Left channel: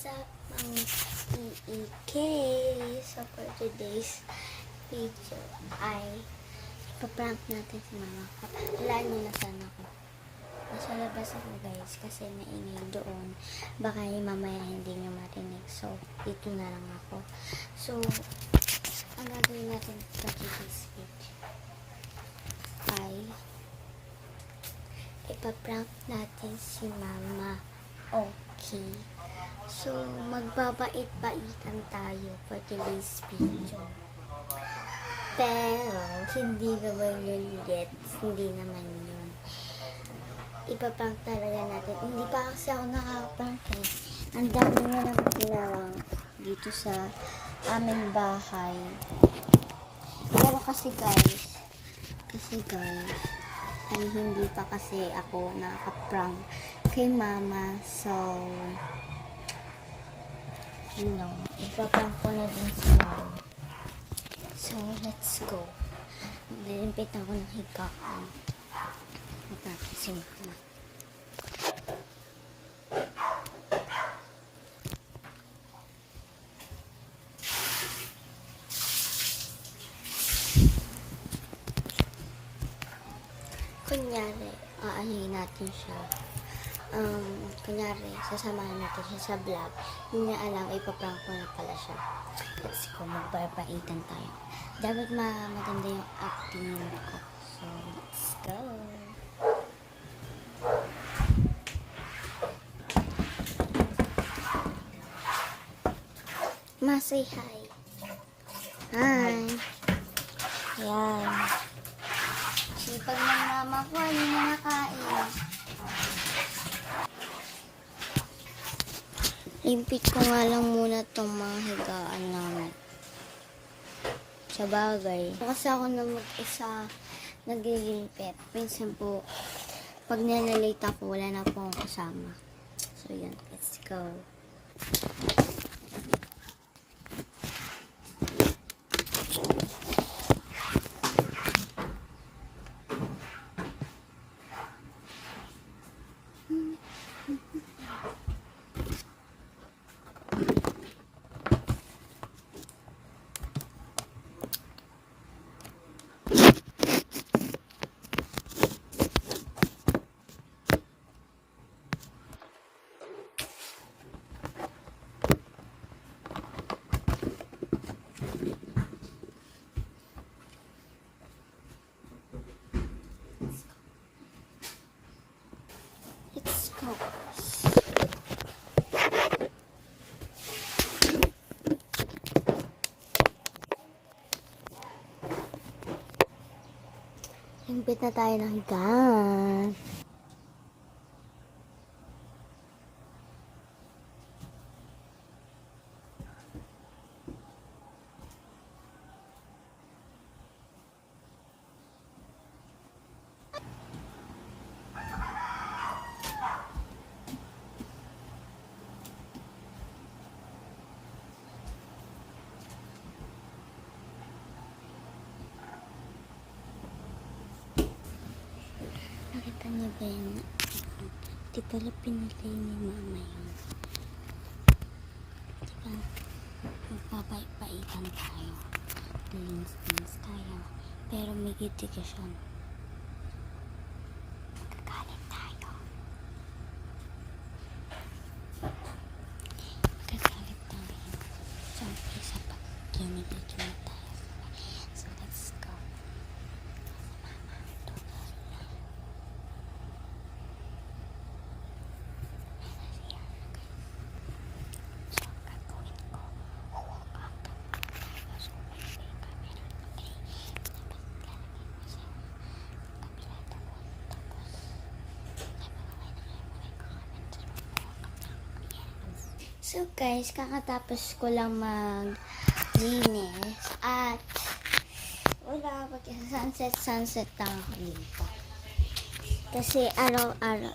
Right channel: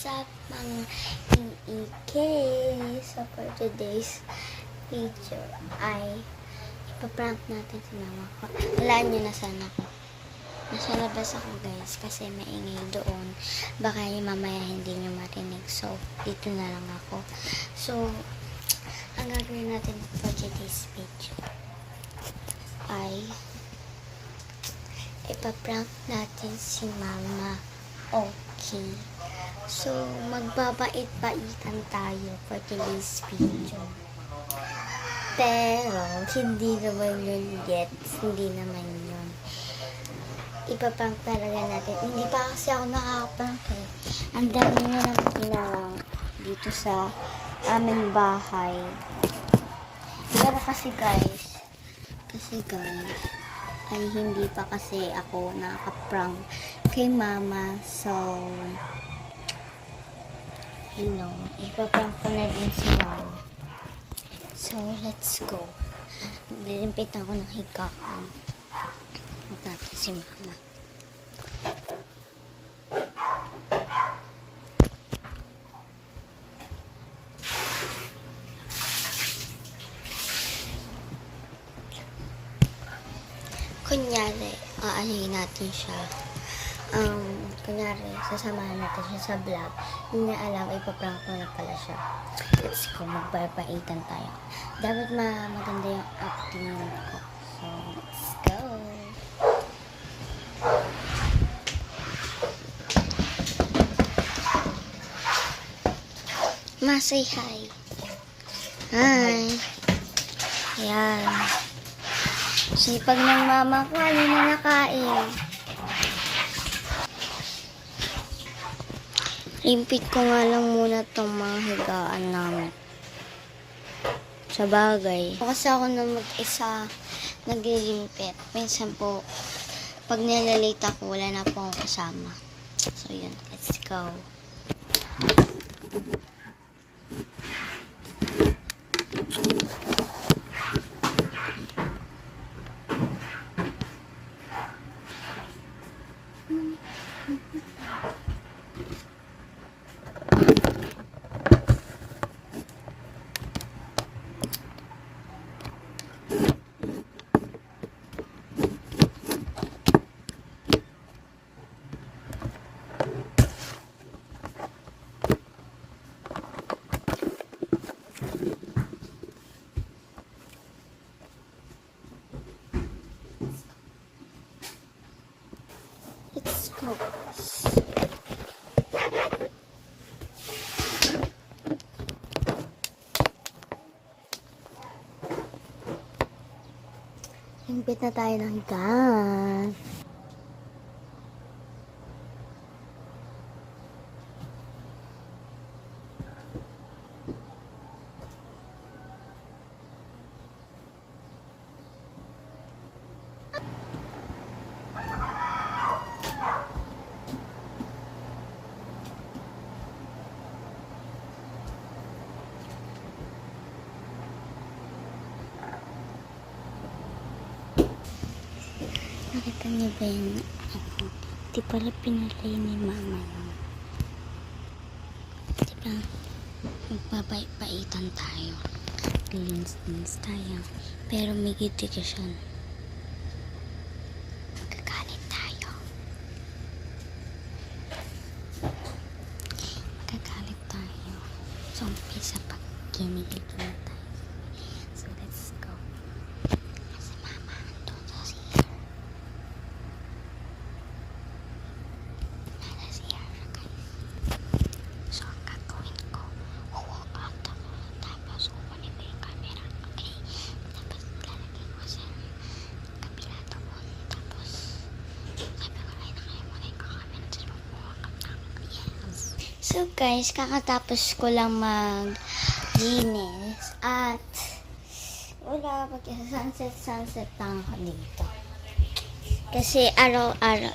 What's up, mga EK? So, for today's video ay ipaprank natin si mama ko. Alaan nyo na ako. Nasa labas ako guys kasi maingay doon. Baka mamaya hindi nyo marinig. So, dito na lang ako. So, ang gagawin natin for today's video ay ipaprank natin si mama. Okay. So, magbabait-baitan tayo for today's video. Pero, hindi naman yun yet. Hindi naman yun. Ipaprank talaga natin. Hindi pa kasi ako nakakaprank eh. Ang dami na lang pinarang dito sa aming bahay. Pero kasi guys, kasi guys, ay hindi pa kasi ako nakaka-prank kay mama. So, know, ipaprank ko na din si mama. So, let's go. Lilimpit ako ng higaan. Huwag natin si mama. Kunyari, aanhin natin siya. Um, kunyari, sasamahan natin siya sa vlog. Hindi niya alam, ipaprank ko na pala siya. Let's go, magbabaitan tayo. Dapat ma maganda yung acting ko. So, let's go. Ma, say hi. Hi. Ayan. Sipag ng mama ko, ano na nakain. Limpit ko nga lang muna tong mga higaan namin. Sa bagay. Kasi ako na mag-isa naglilimpit. Minsan po, pag nilalate ako, wala na po akong kasama. So yun, let's go. Go. Limpit na tayo ng higaan. Niyo ba yun? Oo. Di pala pinalay ni mama yun. Di ba? Magbabait-baitan tayo. Lilins-lins tayo. Pero may gitikasyon. Magagalit tayo. Magagalit tayo. So, umpisa pag ginigil na tayo. So, let's go. Kasi mama, doon sa siya. Nasa siya siya, guys. So, ang gagawin ko, huwag out ako. Tapos, kukunin ko yung camera. Okay? Tapos, lalagay ko sa kabila doon. Tapos, sabi ko, ay, nakain mo na yung camera. Tapos, mag-walk up na ako. Yes. So, guys, kakatapos ko lang mag-linis. At, wala ako kasi sunset, sunset lang ako dito. Kasi araw-araw,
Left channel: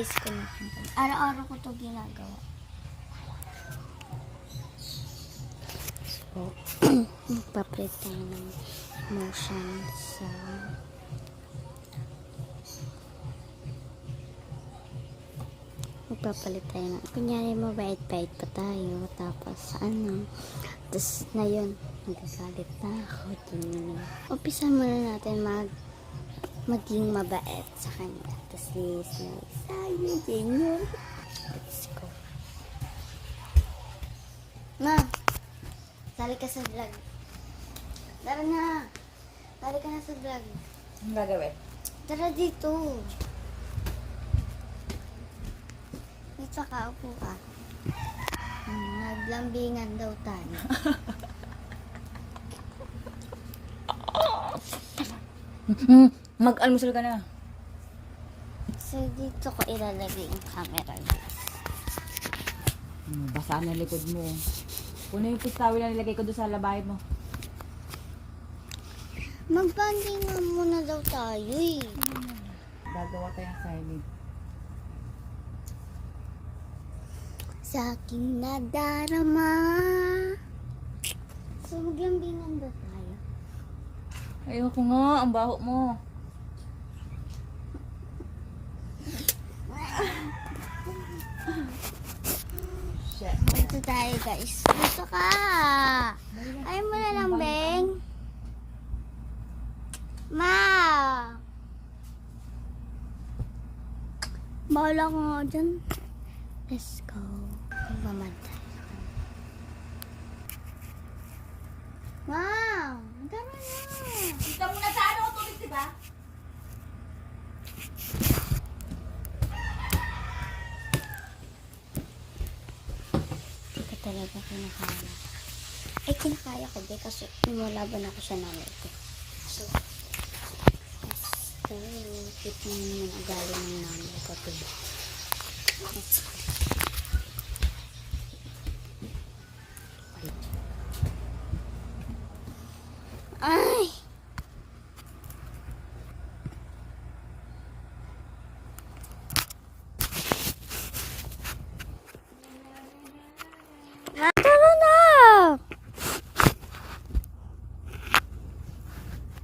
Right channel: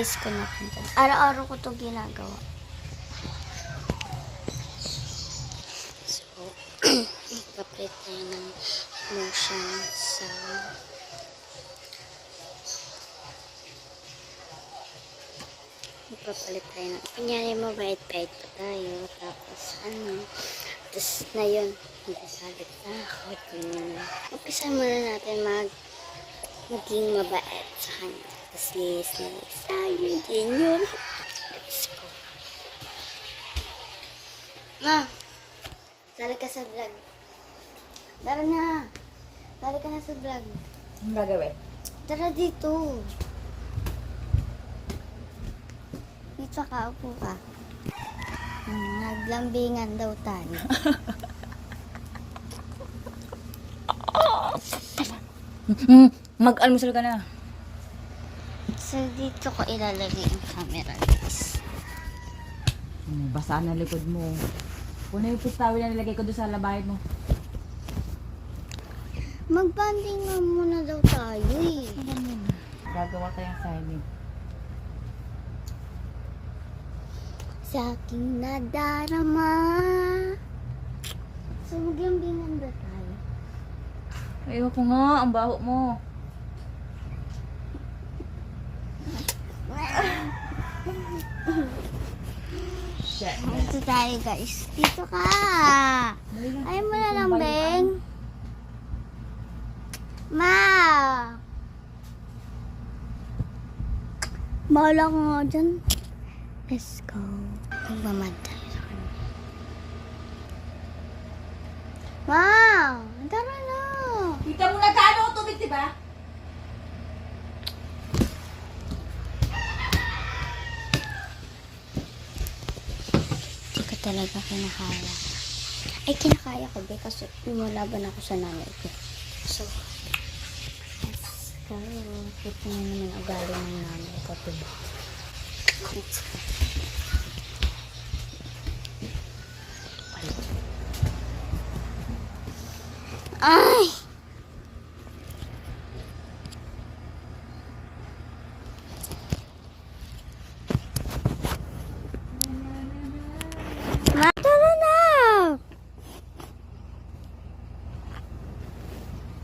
is ko na. Araw-araw ko to ginagawa. So, magpaprint tayo ng motion sa Papalit tayo ng... Kunyari mabait-bait pa tayo. Tapos ano... Tapos na yun. Magsasalit na ako. Ganyan. Umpisa muna natin mag... Maging mabait sa kanya. Tapos yes, yes. Ayun, yun yun. Let's go. Ma! Sali ka sa vlog. Tara na! Sali ka na sa vlog. Ang gagawin? Tara dito. Dito ka, upo ka. Hmm, Naglambingan daw tayo. Mag-almusal ka na. So, dito ko ilalagay ang camera, guys. Ano, basa na likod mo. Puno yung pistawil na nilagay ko doon sa labahin mo. Magbandingan muna daw tayo eh. Gagawa tayong assignment. Sa aking nadarama. So, maglambingan ba tayo? Ayoko nga, ang baho mo. Dito tayo, guys. Dito ka. Ayaw mo na lang, Beng. Ma! Bahala ka nga dyan. Let's go. Magmamad tayo sa kanya. Ma! Tara na! Ika muna sa ano, tubig, diba? Hindi ko talaga kinakaya. Ay, kinakaya ko, be, kasi lumalaban ako sa nanay ko. So, let's go. Kita niyo naman ang ugali ng nanay ko, diba? Let's go. Ay! Ma, tara na!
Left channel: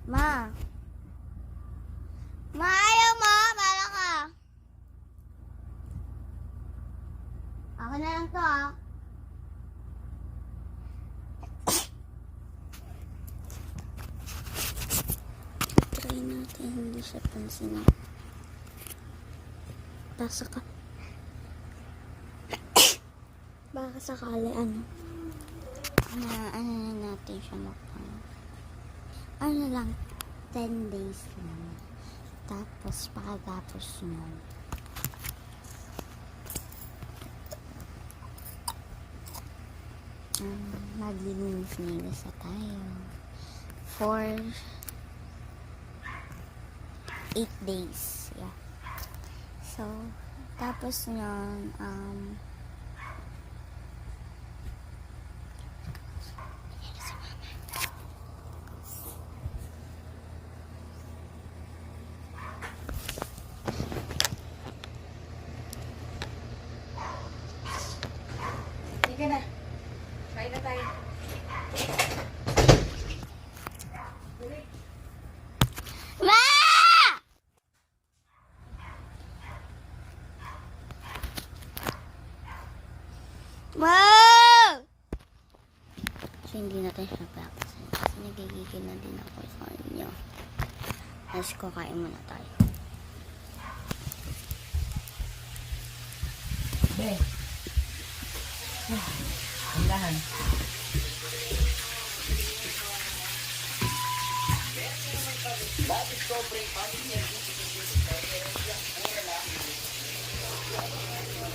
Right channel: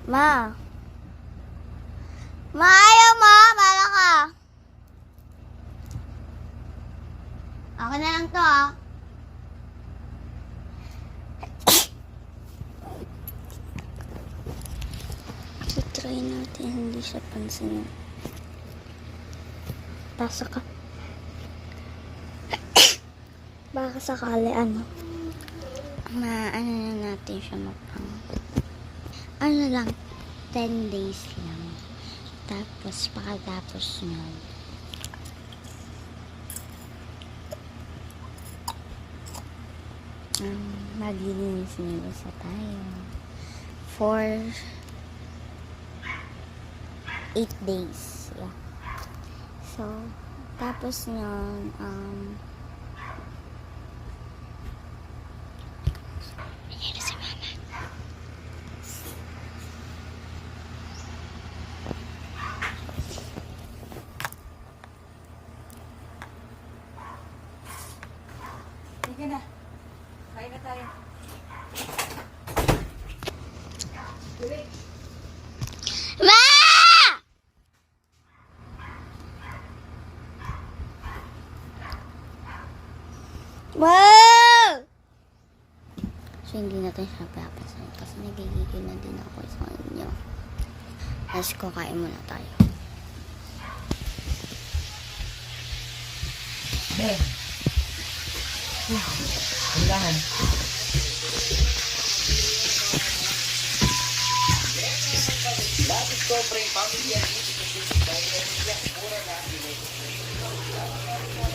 Ma. Ma, ayaw mo. Bala ka. Ako na lang to, ah. try natin hindi siya pansin. Pasa ka. Baka sakali ano. Na ano na natin siya mapang. Ano lang, 10 days lang. Tapos pagkatapos nun. Um, maglilinis-linis na tayo. For 8 days. Yeah. So, tapos nun, um, Ayan na si mama. Sige na. Kain na tayo. Ma! Wow! So, hindi natin siya papasin kasi nagigigil na din ako sa inyo. Let's go, kain muna tayo. Be. Handahan. Bakit